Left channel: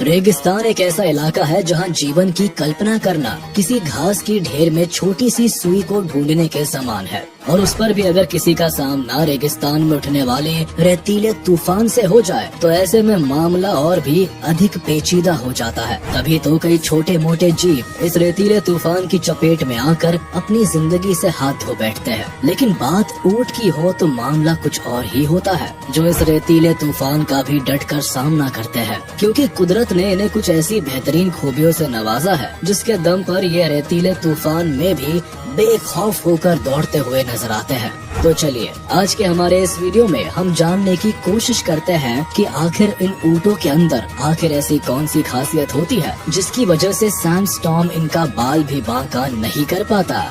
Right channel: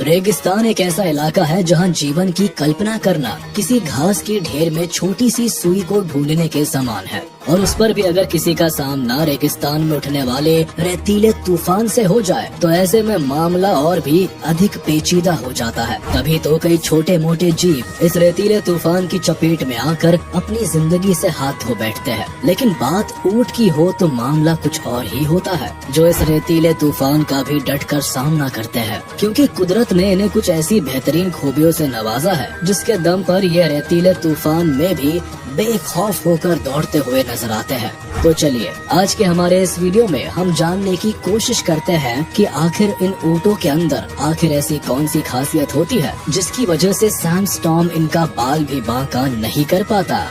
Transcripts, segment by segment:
रेगिस्तान एक ऐसा इलाका है जहाँ जीवन की कल्पना करना किसी घास की ढेर में छोटी सी सुई को ढूंढने के समान है। और उस पर भी अगर किसी का सामना रेगिस्तान में उठने वाले रेतीले तूफान से हो जाए तो ऐसे में मामला और भी अधिक पेचीदा हो जाता है। तभी तो कई छोटे मोटे जीव इस रेतीले तूफान की चपेट में आकर अपनी जिंदगी से हाथ धो बैठते हैं। लेकिन बात ऊंट की हो तो मामला कुछ और ही होता है, जो इस रेतीले तूफान का भी डट कर सामना करते हैं, क्योंकि कुदरत ने इन्हें कुछ ऐसी बेहतरीन खूबियों से नवाजा है जिसके दम पर ये रेतीले तूफान में भी बेखौफ होकर दौड़ते हुए नजर आते हैं। तो चलिए आज के हमारे इस वीडियो में हम जानने की कोशिश करते हैं कि आखिर इन ऊँटों के अंदर आखिर ऐसी कौन सी खासियत होती है जिसकी वजह से सैंडस्टॉर्म इनका बाल भी बांका नहीं कर पाता।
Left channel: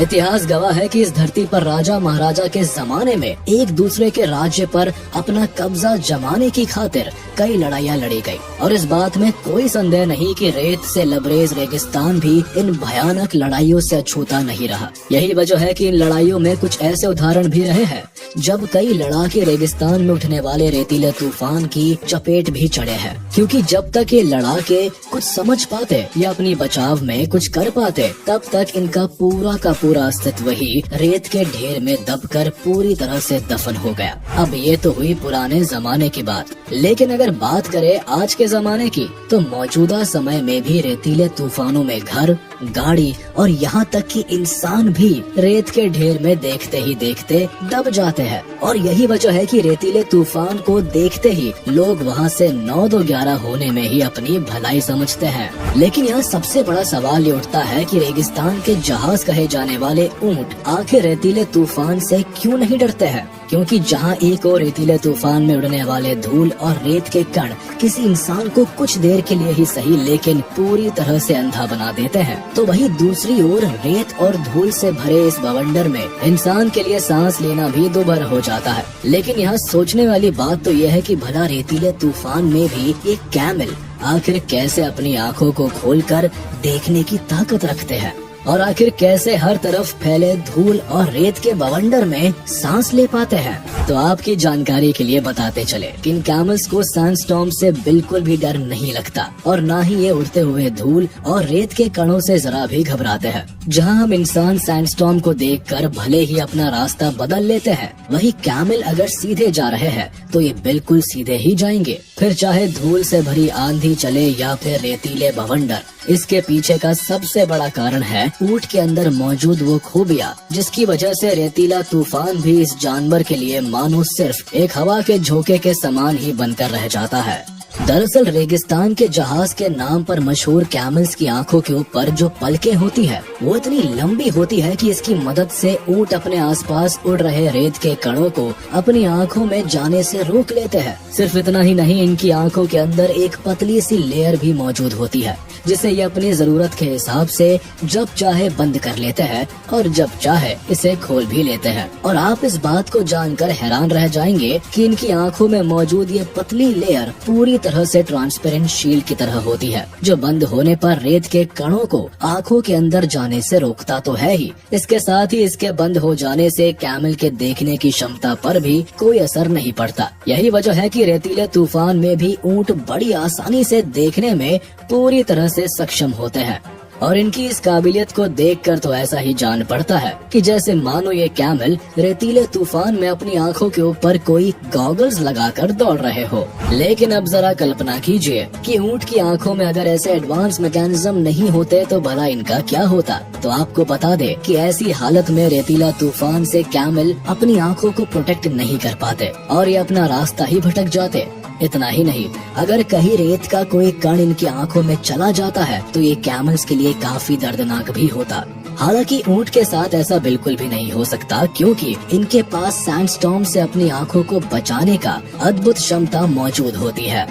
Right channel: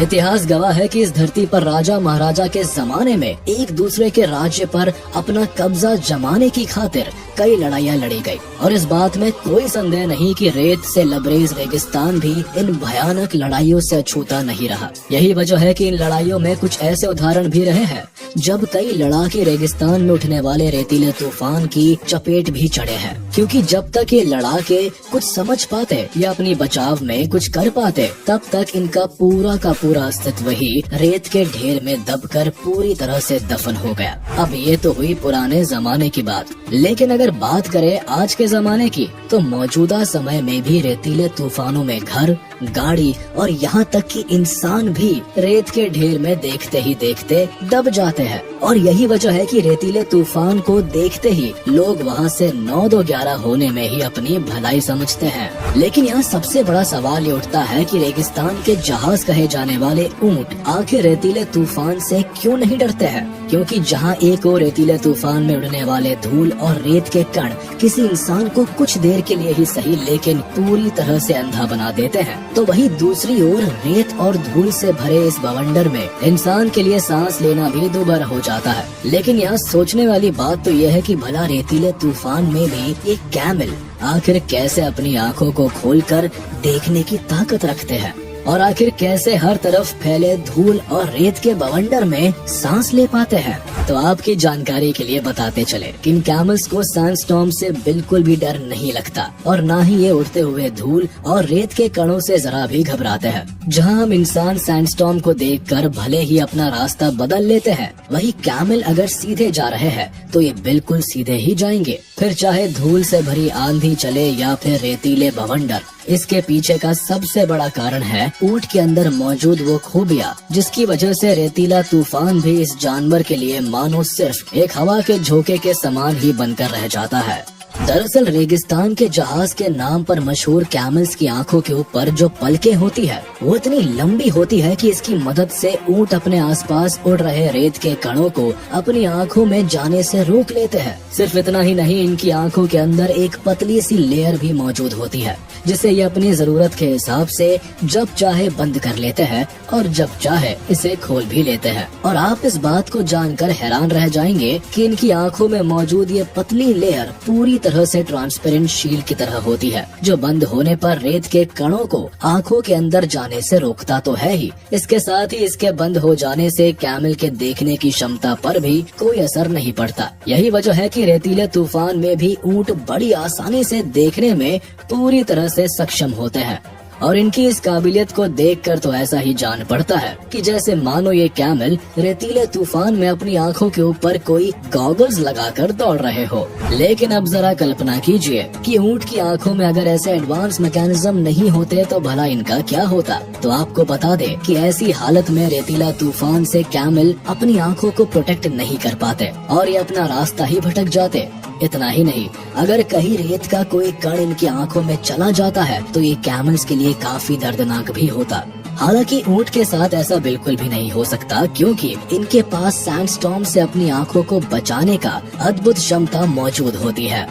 इतिहास गवाह है कि इस धरती पर राजा महाराजा के जमाने में एक दूसरे के राज्य पर अपना कब्जा जमाने की खातिर कई लड़ाइयाँ लड़ी गई, और इस बात में कोई संदेह नहीं कि रेत से लबरेज रेगिस्तान भी इन भयानक लड़ाइयों से अछूता नहीं रहा। यही वजह है कि इन लड़ाइयों में कुछ ऐसे उदाहरण भी रहे हैं जब कई लड़ाके रेगिस्तान में उठने वाले रेतीले तूफान की चपेट भी चढ़े हैं, क्योंकि जब तक ये लड़ाके कुछ समझ पाते या अपनी बचाव में कुछ कर पाते तब तक इनका पूरा का पूरा अस्तित्व ही रेत के ढेर में दबकर पूरी तरह से दफन हो गया। अब ये तो हुई पुराने जमाने की बात, लेकिन अगर बात करें आज के जमाने की तो मौजूदा समय में भी रेतीले तूफानों में घर, गाड़ी और यहाँ तक कि इंसान भी रेत के ढेर में देखते ही देखते दब जाते हैं। और यही वजह है कि रेतीले तूफान को देखते ही लोग वहाँ से 9-2-11 होने में ही अपनी भलाई समझते हैं। लेकिन यहाँ सबसे बड़ा सवाल ये उठता है कि रेगिस्तान के जहाज कहे जाने वाले ऊंट आखिर रेतीले तूफान से क्यों नहीं डरते हैं? क्योंकि जहाँ एक और रेतीले तूफान में उड़ने वाले धूल और रेत के कण किसी इंसान को कुछ देर के लिए ही सही लेकिन पूरी तरह से अंधा बना देते हैं, तो वही दूसरी ओर रेत और धूल से भरे इस बवंडर में इंसान के लिए सांस लेना भी दुभर हो जाता है। लेकिन यहाँ सोचने वाली बात तो यह है कि भला रेतीले तूफान में भी ये कैमल आखिर कैसे अपनी आँखों को खोलकर देखने की ताकत रखते हैं, और आखिर कैसे हर तरफ फैले धूल और रेत के बवंडर में सांस ले पाते हैं। तो आपकी जानकारी के लिए बताते चले कि इन कैमल्स को सैंडस्टॉर्म से बिल्कुल भी डर नहीं लगता, और ना ही ये उड़ते हुए धूल और रेत के कणों से जरा भी घबराते हैं। जहां हम इंसान सैंडस्टॉर्म को देखकर भले ही अपना रास्ता बदल लेते हैं, वही कैमल अगर सीधे जा रहे हैं तो ये बिल्कुल सीधे ही जाएंगे, फिर चाहे धूल से भरी आंधी चले या फिर रेतीले बवंडर। इसके पीछे का सबसे बड़ा कारण है ऊंट के अंदर मौजूद वो खूबियाँ जिसकी वजह से रेतीला तूफान भी इस जानवर के लिए मानो सिर्फ एक हवा के झोंके के समान ही बनकर रह जाता है। दरअसल रेगिस्तान के जहाज के नाम पर मशहूर कैमल्स की आंखों के ऊपर जो पलकें होती है वो इतनी लंबी होती है कि इसकी मदद से ऊंट अपने आसपास उड़ रहे रेत के कणों को अपनी आंखों में जाने से रोक लेते हैं। सिर्फ इतना ही नहीं, इनकी आंखों के अंदर एक पतली सी लेयर भी मौजूद होती है जिसे ये अपनी जरूरत के हिसाब से जब चाहे बंद कर लेते हैं और जब चाहे इसे खोल भी लेते हैं। और आप इस बात को जानकर हैरान रह जाएंगे कि इनकी आंखों में मौजूद ये पतली लेयर पूरी तरह से ट्रांसपेरेंट शील्ड की तरह होती है, जो बंद होने पर रेत के कणों को आंखों के अंदर जाने से रोकता तो है ही, इसके साथ ही इसके बंद हो जाने से कैमल के देखने की क्षमता पर भी कोई असर नहीं पड़ता। यही वजह है कि रेतीले तूफान में भी ऊंट बड़ी आसानी से देखने में पूरी तरह से सक्षम होते हैं। और इनकी इस काबिलियत को देखकर तो ऐसा ही जान पड़ता है कि जैसे मानो ये कैमल रेतीले तूफान में अपनी आंखों के ऊपर कोई गॉगल्स लगाकर दौड़ रहे हो। लेकिन अब जरा कल्पना कीजिए कि ऊंट की आंखों में अगर ऐसे एडवांस मैकेनिज्म नहीं होते तो भला इनका क्या होता। तो आपको बता दे कि ऐसी हालत में रेतीला तूफान से कैमल अपनी आंखों को प्रोटेक्ट नहीं कर पाते और ये अपना रास्ता ही भटक जाते। इतना ही नहीं, अगर कहीं रेत का कोई कण इनकी आंखों में चला जाता है तो ये कैमल्स के लिए काफी दर्दनाक भी होता। हालांकि ऊंट के साथ ऐसा बिल्कुल भी नहीं हो सकता, क्योंकि इनके पास सैंडस्टॉर्म से अपनी आंखों को बचाने का अद्भुत क्षमता मौजूद होती है।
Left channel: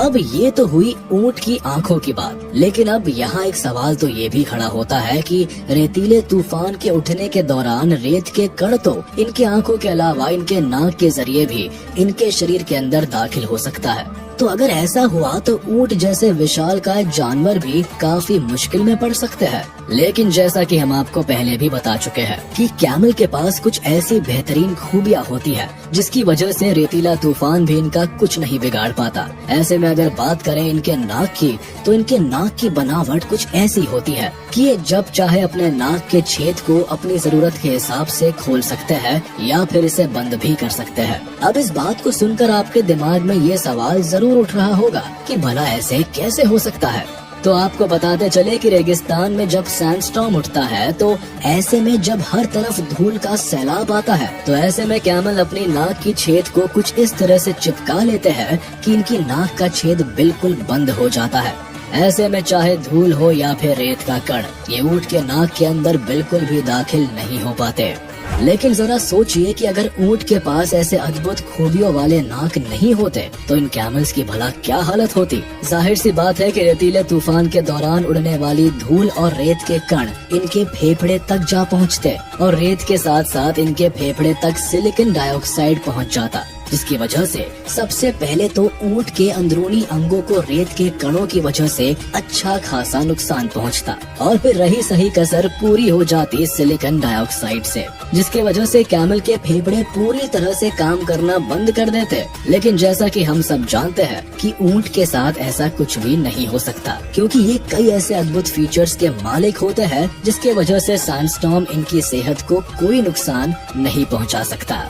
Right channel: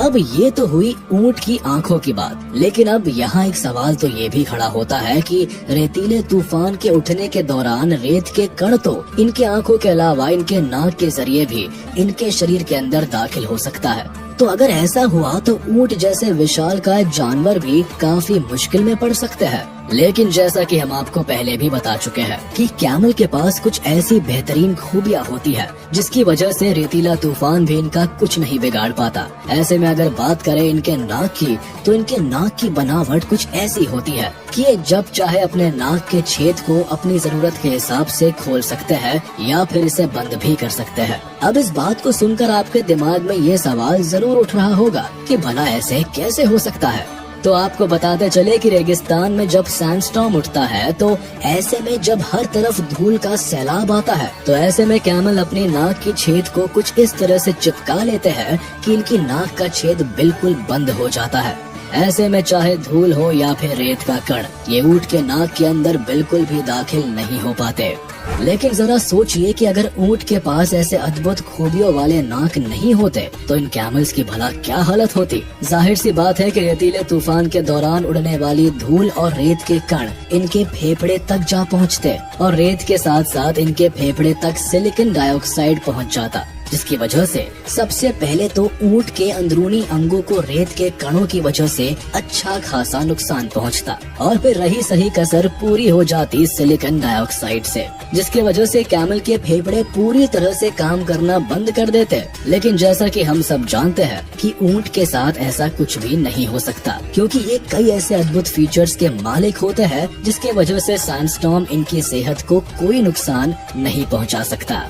अब ये तो हुई ऊंट की आंखों की बात, लेकिन अब यहाँ एक सवाल तो ये भी खड़ा होता है कि रेतीले तूफान के उठने के दौरान रेत के कण तो इनके आंखों के अलावा इनके नाक के जरिए भी इनके शरीर के अंदर दाखिल हो सकता है। तो अगर ऐसा हुआ तो ऊंट जैसे विशालकाय जानवर भी काफी मुश्किल में पड़ सकते हैं। लेकिन जैसा कि हम आपको पहले भी बता चुके हैं कि कैमल के पास कुछ ऐसी बेहतरीन खूबियां होती है जिसकी वजह से रेतीला तूफान भी इनका कुछ नहीं बिगाड़ पाता। ऐसे में अगर बात करें इनके नाक की, तो इनके नाक की बनावट कुछ ऐसी होती है कि ये जब चाहे अपने नाक के छेद को अपनी जरूरत के हिसाब से खोल सकते हैं या फिर इसे बंद भी कर सकते हैं। अब इस बात को सुनकर आपके दिमाग में ये सवाल जरूर उठ रहा होगा कि भला ऐसे कैसे हो सकता है। तो आपको बताते चले कि रेगिस्तान में जब सैंडस्टॉर्म उठता है तो ऐसे में जब हर तरफ धूल का सैलाब आता है तो ऐसे में कैमल अपनी नाक के छेद को कुछ इस तरह से चिपका लेते हैं कि इनकी नाक का छेद बिल्कुल बंद हो जाता है। ऐसे में चाहे धूल हो या फिर रेत का कण, ये ऊंट के नाक के अंदर बिल्कुल भी दाखिल नहीं हो पाते। लेकिन जरा सोचिए कि अगर ऊंट के पास ऐसे अद्भुत खूबियों वाले नाक नहीं होते तो इन कैमल्स की भला क्या हालत होती। जाहिर सी बात है कि रेतीले तूफान के दौरान उड़ने वाली धूल और रेत के कण इनके फेफड़े तक जा पहुंचते और रेत के साथ साथ इनके फेफड़े तक सिलिकॉन डाइऑक्साइड पहुंच जाता, जिसकी वजह से सबसे पहले तो ऊंट के अंदरूनी अंगों को रेत के कणों की वजह से अच्छा खासा नुकसान पहुंचता और फिर रही सही कसर पूरी हो जाती सिलिकॉन डाइऑक्साइड से, जिसकी वजह से कैमल के फेफड़े पूरी तरह से काम करना बंद कर देते। लेकिन जैसा कि हम सब जानते हैं कि ऊंट के साथ ऐसा कुछ भी नहीं हो सकता, क्योंकि ये कई ऐसे अद्भुत फीचर्स के मालिक होते हैं जिसकी वजह से सैंडस्टॉर्म इनकी सेहत को कोई नुकसान नहीं पहुंचा सकता।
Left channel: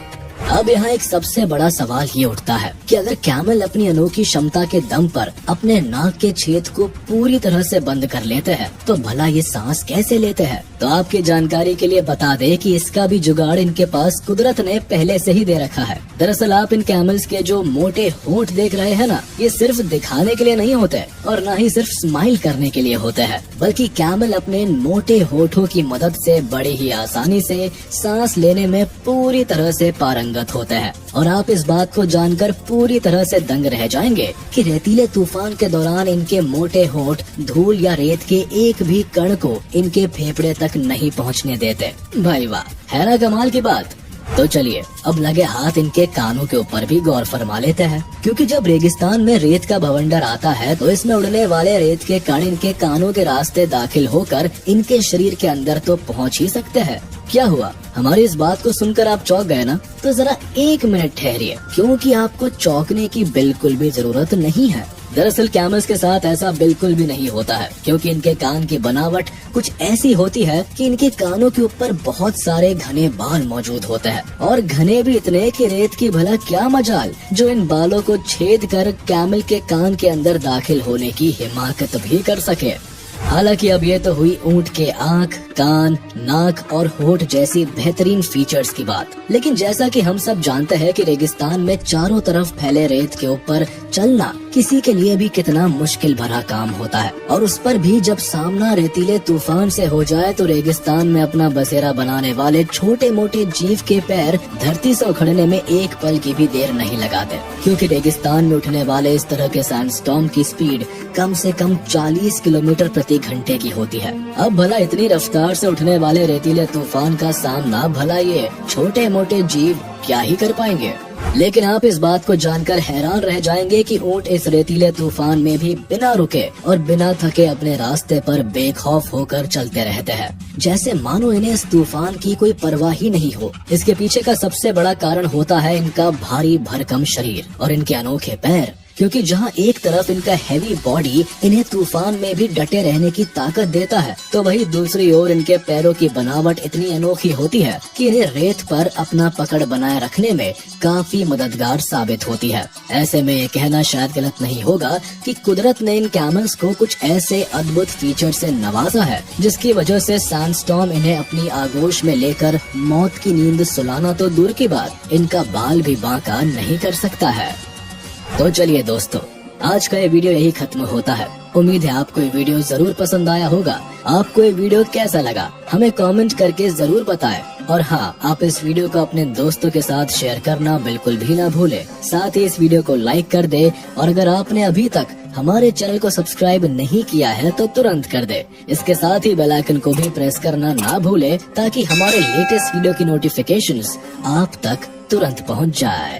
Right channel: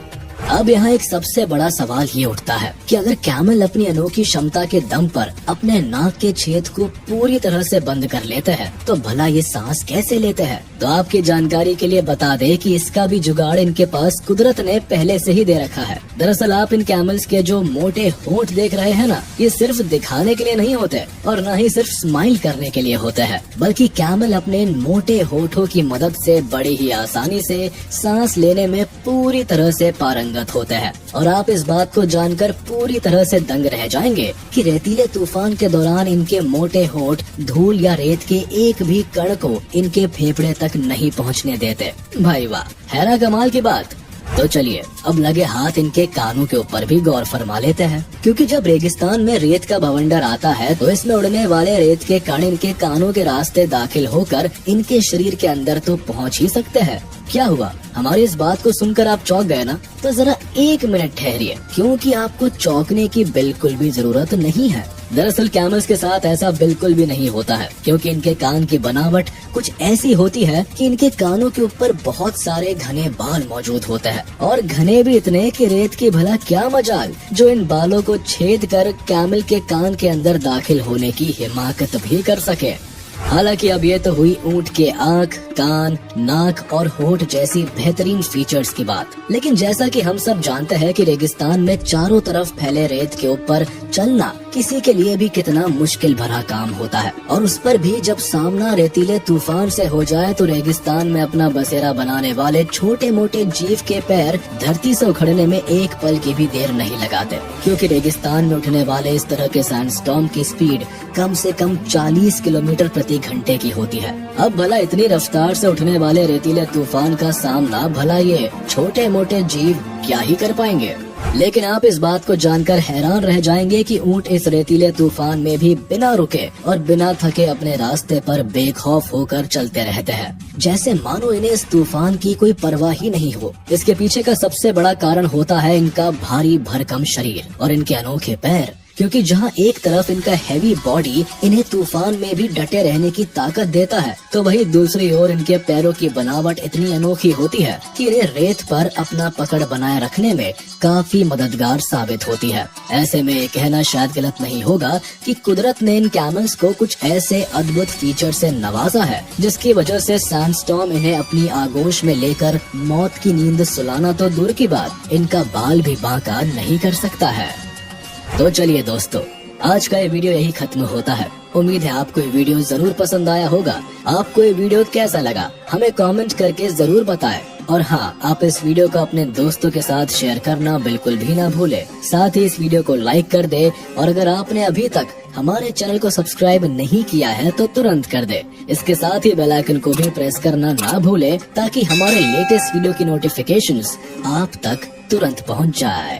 अब यहाँ एक सबसे बड़ा सवाल ये उठता है कि अगर कैमल अपनी अनोखी क्षमता के दम पर अपने नाक के छेद को पूरी तरह से बंद कर लेते हैं तो भला ये सांस कैसे लेते हैं। तो आपकी जानकारी के लिए बता दें कि इसका भी जुगाड़ इनके पास कुदरत ने पहले से ही दे रखा है। दरअसल आप इन कैमल्स के जो मोटे होंठ देख रहे हैं ना, ये सिर्फ दिखाने के लिए नहीं होते और न ही सिर्फ स्माइल करने के लिए होते हैं, बल्कि कैमल अपने इन मोटे होठों की मदद से बड़ी ही आसानी से सांस लेने में पूरी तरह से पारंगत होते हैं। और आप इस बात को जानकर पूरी तरह से दंग रह जाएंगे कि रेतीले तूफान के दौरान इनके मोटे होंठ धूल या रेत के एक भी कण को इनके फेफड़े तक नहीं पहुंचने देते। भाई वाह, है ना कमाल की बात। तो चलिए अब लगे हाथ इनके कानों के ऊपर भी गौर फरमा लेते हैं, क्योंकि जब रेगिस्तान में रेत का बवंडर आता है तो इसमें उड़ने वाले रेत के कण इनके कानों के रास्ते दाखिल होकर इनके शरीर के अंदर तो पहुंच ही सकते हैं। क्या हुआ, हमारी इस बात को सुनकर आप चौंक गए ना? तो जरा एक मिनट ठहरिए, क्योंकि आपको चौंकने की बिल्कुल भी जरूरत नहीं है। दरअसल कैमल्स के साथ ऐसा बिल्कुल भी नहीं होता है, क्योंकि इनके कान की बनावट कुछ ऐसी होती है कि इनके कानों के ऊपर बहुत सारे घने बाल मौजूद होते हैं और घने भी इतने कि रेत की भला क्या मजाल जो इन बालों को छेद कर कैमल के कान के अंदर दाखिल होने की हिमाकत भी कर सके। हालांकि अब ये तो हुई ऊंट के आँख, कान, नाक और होठ जैसी बेहतरीन फीचर्स की बात, लेकिन जैसा कि हम सब जानते हैं कि रेगिस्तान में चारों तरफ फैले रेत के ऊपर चलना किसी के लिए भी कितना मुश्किल भरा काम होता है, और उस पर भी जब सामना रेतीले तूफान से हो जाए तो रेगिस्तान में अपना बसेरा बनाने वाले छोटे मोटे जीव के पैर धरती से उखड़ने में एक पल की भी देर नहीं लगाते, क्योंकि रेगिस्तान में उठने वाले इस तरह के सैंडस्टॉर्म की स्पीड कम से कम 40 किलोमीटर प्रति घंटे की होती है। अब भला इतनी रफ्तार से उठने वाले रेतीले तूफान का सामना भला ये छोटे मोटे जीव क्या ही कर पाएंगे। लेकिन आप इस बात को जानकर हैरान रह जाएंगे कि ऊंट इस रेतीले तूफान में भी बिना रुके और बिना थके अपने रास्ते पर बेखौफ होकर चलते रहते हैं, जैसे मानो इन्हें इस तूफान की कोई परवाह ही नहीं हो। इसके पीछे का सबसे बड़ा कारण होता है इनका भारी भरकम शरीर और इनके अनोखे पैर, क्योंकि जहां एक तरफ इनका हैवी बॉडी इन्हें तूफान में भी डटे रहने की ताकत देता है, तो वहीं दूसरी ओर इनके पैरों की बनावट इतनी अनोखी होती है कि इन्हें रेत पर अपना पकड़ बनाए रखने में काफी मददगार साबित होती है। ऐसे में ये कहना शायद गलत नहीं होगा कि कुदरत ने इन कैमल्स को कुछ ऐसे अद्भुत फीचर से नवाजा है जिसकी वजह से सैंडस्टॉर्म इन्हें अपनी आगोश में लेकर मौत की नींद सुलाना तो दूर की बात, इनका बाल भी बांका नहीं कर सकता है। तो चलिए दोस्तों, आज का ये वीडियो यही खत्म होता है। उम्मीद है आपको ये वीडियो जरूर पसंद आया होगा। आपको ये वीडियो कैसा लगा हमें कमेंट करके जरूर बताएं। और हाँ, आप इस वीडियो को अपने दोस्तों के साथ शेयर करना बिल्कुल भी ना भूलें। साथ ही इस वीडियो को लाइक कर दें और अगर आपने अभी तक हमारे चैनल को सब्सक्राइब नहीं किया है तो तुरंत कर दे। इसके साथ ही बेल आइकन को भी प्रेस करना ना भूले ताकि हमारे लेटेस्ट वीडियो की नोटिफिकेशंस आप तक तुरंत पहुंच जाए।